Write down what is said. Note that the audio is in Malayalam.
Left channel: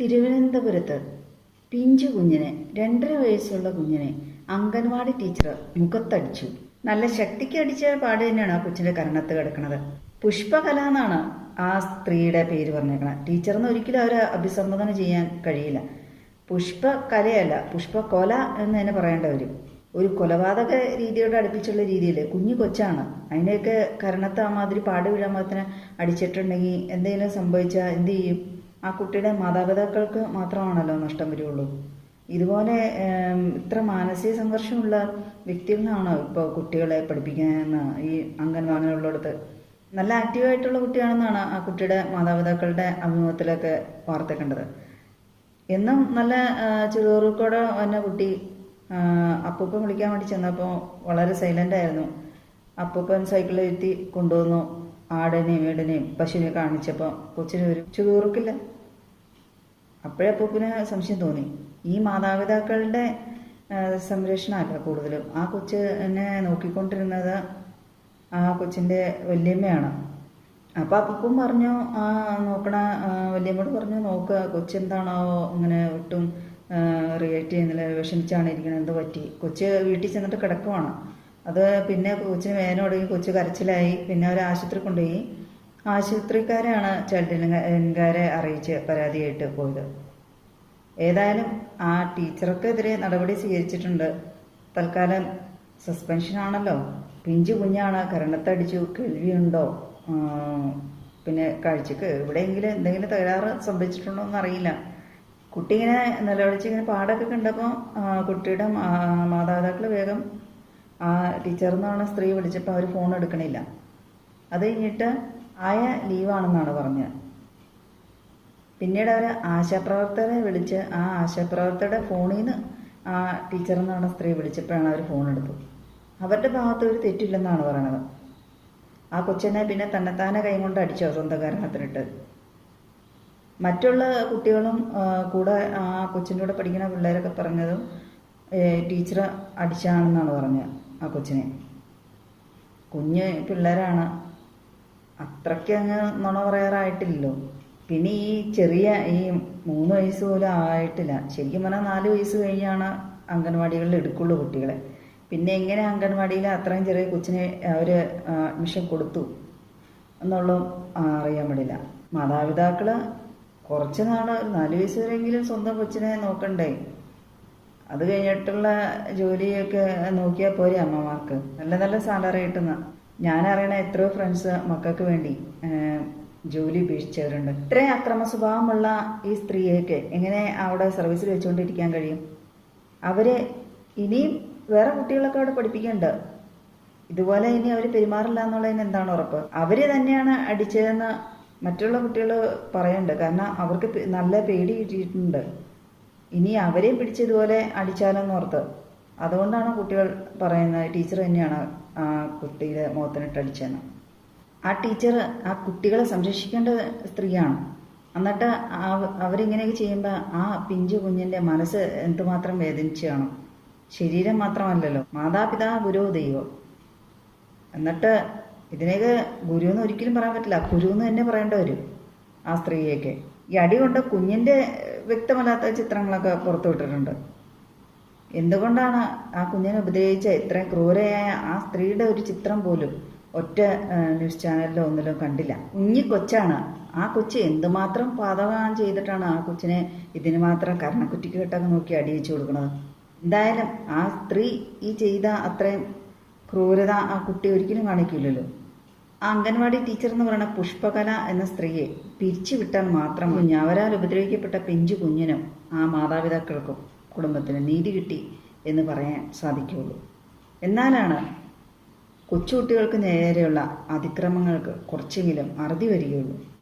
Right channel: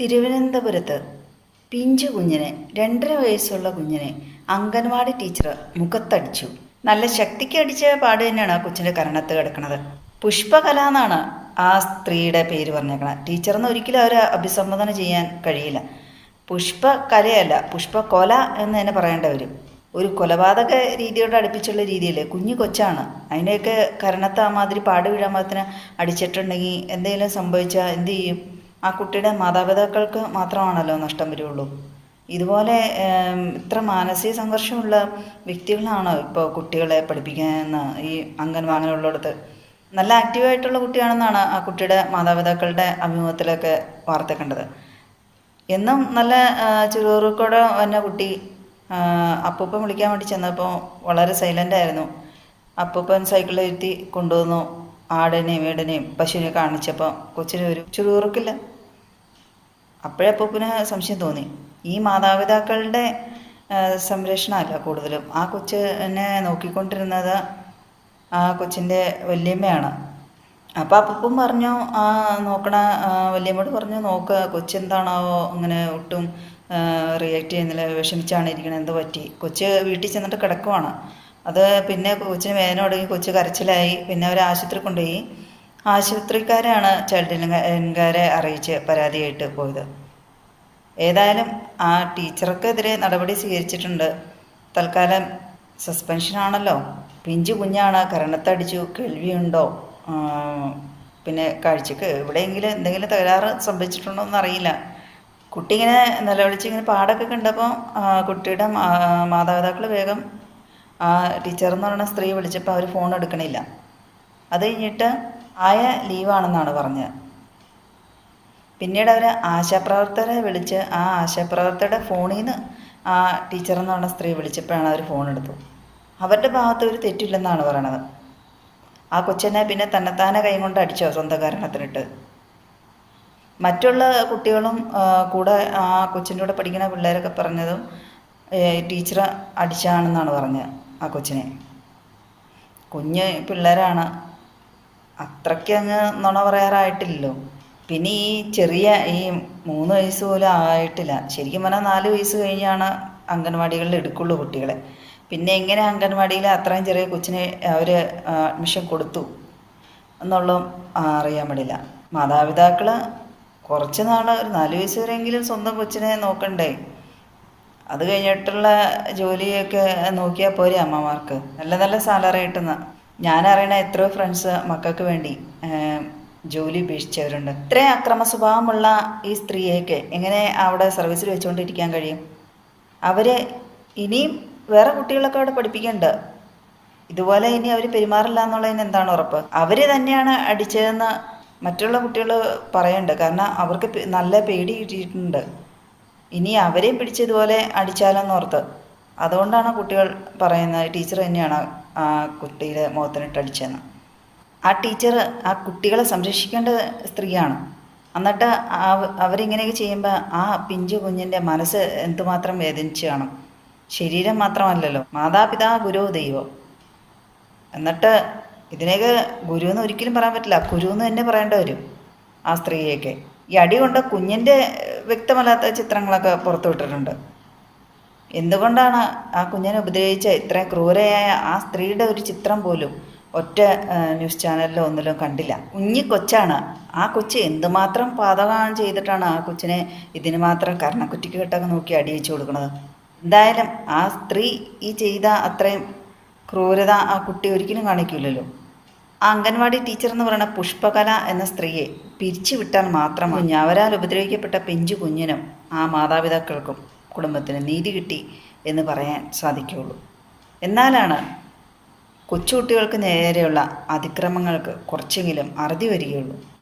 തിരുവനന്തപുരത്ത് പിഞ്ചു കുഞ്ഞിനെ രണ്ടര വയസ്സുള്ള കുഞ്ഞിനെ അംഗൻവാടി ടീച്ചർ മുഖത്തടിച്ചു. നല്ല ശക്തിക്ക് അടിച്ച പാട് തന്നെയാണ് ആ കൊച്ചിന്റെ കരണത്ത് കിടക്കുന്നത്. പുഷ്പകല എന്നാണ് ആ സ്ത്രീയുടെ പേര് പറഞ്ഞേക്കണത്. ടീച്ചറെന്ന് ഒരിക്കലും അവരെ അഭിസംബോധന ചെയ്യാൻ കഴിയില്ല. പുഷ്പകലയല്ല പുഷ്പകൊല എന്ന് തന്നെ പറയേണ്ട വരും. ഒരു കൊലപാതക രീതിയോട് അടുപ്പിച്ചുള്ള രീതിയിൽ കുഞ്ഞു കൊച്ചാണ്. അതിന്റെയൊക്കെ കരണത്ത് ആ മാതിരി പാട് വീഴാൻ മാത്രം അടിച്ചിട്ടുണ്ടെങ്കിൽ എന്തെങ്കിലും സംഭവിച്ചാൽ എന്ത് ചെയ്യും? ആ കുട്ടിയുടെ മാതാപിതാക്കൾക്ക് മാത്രമാണല്ലോ നഷ്ടം വരുള്ളൂ. ഇതുപോലെ ഇത്ര മാനസിക സംഘർഷമുള്ള വ്യക്തികളാണ് ഇപ്പോൾ കുട്ടികളെ പഠിപ്പിക്കുന്ന ഈ അംഗൻവാടികളുള്ളിടത്ത് നല്ല ആക്റ്റീവായിട്ടുള്ള കുട്ടിയാണെന്നാണ് ആ കുട്ടിയുടെ മാതാപിതാക്കളുടെ അഭിമുഖത്തിലൊക്കെ വാർത്ത കണ്ടത്. എന്നും നല്ല ചുറുചുറുക്കോടെ വന്ന കുട്ടി അപ്പൂപ്പം വിളിക്കാൻ വേണ്ടി ചെന്നപ്പോൾ വളരെ സൈലന്റ് ആയിരുന്നു. അപ്പൂപ്പൻ സൈക്കിളിൽ ഇരുത്തി കൊണ്ടുവന്നു. ആടിനെയും വീടിനെയും പശുവിനെ കാണിച്ചപ്പോൾ കൊച്ചിന് ഒരു ചുറുചുറുക്കില്ല അപ്പോഴേ അപ്പൂപ്പന് സംശയം തോന്നി. ഈ മാതാപിതാക്കളുടെ സംരക്ഷണമല്ല കൂടുതലും. ആ കൊച്ചിനെ നോക്കിക്കൊണ്ടിരുന്നത് ആ കൊച്ചിന്റെ വല്യമ്മയാണ്. അപ്പോൾ അപ്പൂപ്പൻ പറഞ്ഞു ആ നോക്കണ വല്യമ്മയോട് പറഞ്ഞു നോക്ക് കൊച്ചെന്താണാവോ ഇങ്ങനെ ഒട്ടും റിയാക്ട് ചെയ്യുന്നില്ല വിഷമിച്ചാണ് ഇരിക്കണത് എന്തോ പറ്റി? കൊച്ച് വീട്ടിൽ ചെന്നിട്ട് കിടക്കുവാണ്. അത് പിന്നെ കൊച്ചിന് വേദന തുടങ്ങി കൊച്ച് കരച്ചിലായി. പിന്നെ അവർ ആശുപത്രി കൊണ്ടുപോയി. ആശുപത്രിക്കാരാണ് ചൈൽഡ് അറിയിച്ച് പരാതിയായിട്ട് പോയത്. ഏതായാലും ആ ടീച്ചർക്കെതിരെ നടപടി സ്വീകരിച്ചിട്ടുണ്ട്. തൽക്കാലം സസ്പെൻഷനാണല്ലോ പിഞ്ചു കുഞ്ഞാണ് കരണത്തടിച്ചു കേൾവിയുണ്ടോ? പിന്നെ കാഴ്ചക്ക് എവിടെയെങ്കിലും എന്തെങ്കിലും തകരാറ് സംഭവിച്ചിട്ടുണ്ടോ എന്നറിയില്ല കുട്ടി ഇങ്ങനെ നിലവിളിച്ച് ഇങ്ങനെ പാടൊക്കെ കണ്ടപ്പോൾ കുട്ടിയുടെ മാതാപിതാക്കൾ വേഗം ആ ടീച്ചർ എന്ന് പറയുന്ന സ്ത്രീ വിളിച്ചപ്പോൾ അവർ ഫോൺ എടുക്കണില്ല. അത് കഴിഞ്ഞിട്ട് ആയ ലീവാണെന്നാണ് പറഞ്ഞത്. പിന്നീട് അവർ ആശാപ്രവർത്തകരെ വിളിച്ച് ആ ആശാപ്രവർത്തകരുടെ ഫോണിൽ നിന്ന് ആ ടീച്ചർ എന്ന് പറഞ്ഞ സ്ത്രീ വിളിച്ചപ്പോഴാണ് അവർ ഫോൺ എടുത്തു അവരുടെ ഭാഗത്ത് ഒരു തെറ്റില്ലെന്നാണ് പറയണത്. ആ കൊച്ചിനെ പിന്നെ തന്നെത്താനെ കൈ കൊണ്ട് അടിച്ചോ സ്വന്തം കാരണത്തിനിട്ട് മറ്റുള്ള കുട്ടികളും കൂടെ ആ കൊച്ചിന്റെ കൂടെ പഠിക്കുന്ന പിള്ളേരൊക്കെ പറഞ്ഞതും ടീച്ചർ അടിച്ചാണെന്നാണ് പറഞ്ഞത് ആ കൊച്ചിനെ. കുഞ്ഞ് പിള്ളേരാണ്. അത്രയ്ക്ക് അങ്ങ് നുണ പറയാറായിട്ടില്ലല്ലോ. പിന്നെ ഈ ചെറിയ ഈ മൂന്ന് വയസ്സ് പോലും ആയിട്ടില്ല. ശരിക്കും പറഞ്ഞാൽ നാല് വയസ്സ് കഴിഞ്ഞാണ് അംഗൻവാടികളിൽ എടുക്കുള്ളൂ കുട്ടികളെ. പിന്നെ എങ്ങനെ അംഗൻവാടിയിൽ അത്രയും ചെറിയ കൊച്ചിനെ അവർ അഡ്മിഷൻ കൊടുത്തു എന്നുള്ളതും അറിയാൻ പാടില്ല. മാതാപിതാക്കൾ കുറച്ച് നാൾ ഒരു നാല് വയസ്സ് വരെയെങ്കിലും സ്വന്തം കൊച്ചിനെ നോക്കണ്ടേ? അത് കഴിഞ്ഞിട്ടുള്ള ജോലിയൊക്കെ നോക്കിയാൽ പോരെ അമ്മമാർക്ക്. നല്ല നല്ല സാലറി കിട്ടുന്ന ഞാനറിയണ എത്രയോ ഫ്രണ്ട്സ് മക്കൾക്ക് വേണ്ടി ജോലി ഉപേക്ഷിച്ചവരുണ്ട്. ഇത്രയും അക്രമ സ്വഭാവമുള്ള ഈ സ്ത്രീയൊക്കെ എങ്ങനെ അവിടെ സർവീസിൽ വെച്ചുകൊണ്ടിരിക്കാൻ കഴിയും? അവർ ഇനിയും വേറെ കുട്ടികളൊക്കെ അവിടെ പഠിപ്പിക്കുന്നുണ്ട് ഇതുപോലെ ഇനി അവർ പെരുമാറില്ല എന്നുള്ളതിന് എന്താണ് ഉറപ്പ്? അവർ തന്നെയാണ് അടിച്ചതെന്ന് മറ്റുള്ള കുട്ടികൾ പറയുന്നുണ്ട് കാരണം അവർക്ക് നല്ല പേടി കിട്ടിയിട്ടുണ്ട്. ഇനി അവരെയും പിടിച്ചതുപോലെ അടിച്ചാലെന്നോർത്ത് അതുകൊണ്ടാണ് കുട്ടികൾ പറയുന്നത് ടീച്ചർ തന്നെയാണ് ആ കുട്ടിയുടെ മുഖത്തിനിട്ട് അടിച്ചതെന്ന് ആ ടീച്ചർ ആ കുട്ടികളെ സംരക്ഷിക്കേണ്ട സ്ത്രീയാണ്. എന്നിട്ട് അവരിങ്ങനെയൊക്കെ ചെയ്യുമ്പോൾ ആ പിഞ്ചു കുഞ്ഞിന്റെ മനസ്സ് എന്തുമാത്രം വേദനിച്ച് കാണും ശരീരം മാത്രമല്ലല്ലോ മാതാപിതാ ഗുരു ദൈവം. എന്നിട്ട് ഇതിനെയൊക്കെ ഗുരു എന്ന് ഒരിക്കലും പറയാൻ പറ്റില്ല. ഗുരു എന്ന് തന്നെ പറയേണ്ടി വരും ആ സ്ത്രീയൊക്കെ ഈ അടി കൊണ്ട് കുഞ്ഞിന്റെ വ്യക്തമല്ലാത്ത ചിത്രങ്ങളൊക്കെ പുറത്തു വിട്ടിട്ടുണ്ട് എന്തുകൊണ്ടാണ് ആ കുഞ്ഞിനെ ഉപദ്രവിച്ച ഇത്ര ക്രൂരയായ ആ സ്ത്രീയുടെ ഒരു ചിത്രം പോലും ഒറ്റ ന്യൂസ് ചാനലിലോ ഒന്നിലും കണ്ടില്ല? കുഞ്ഞി കൊച്ചാണ്. ആ കൊച്ച് എന്തുമാത്രം പാതകം ചെയ്തിട്ടാണ് ആ കൊച്ചിനെ ഇതിന് മാത്രം കരണക്കുറ്റിക്ക് കെട്ടൊക്കെ നോക്കി അടിയിച്ചു കൊടുക്കുന്നത്? എന്തായാലും ആ സ്ത്രീ ഈ ചെയ്ത അത്രയും ക്രൂരത ആ കുട്ടി ഒരിക്കലും കാണിക്കില്ലല്ലോ ആ അംഗൻവാടി ടീച്ചർ എന്ന് പറയുന്ന പുഷ്പകല എന്ന സ്ത്രീയെ പിരിച്ചുവിട്ടാൽ മാത്രം കുഞ്ഞവരാൽ ഉപദ്രവിക്കപ്പെട്ട പിഞ്ചു കുഞ്ഞിനും ആ മാതാപിതാക്കൾക്കും കുടുംബത്തിനും നീതി കിട്ടി എന്ന് പറയാൻ സാധിക്കുകയുള്ളൂ. എന്നാലാണ് കൊച്ചുകുട്ടികൾക്ക് നേരെയുള്ള അതിക്രമങ്ങൾക്ക് കുറച്ചെങ്കിലും അറുതി വരികയുള്ളൂ.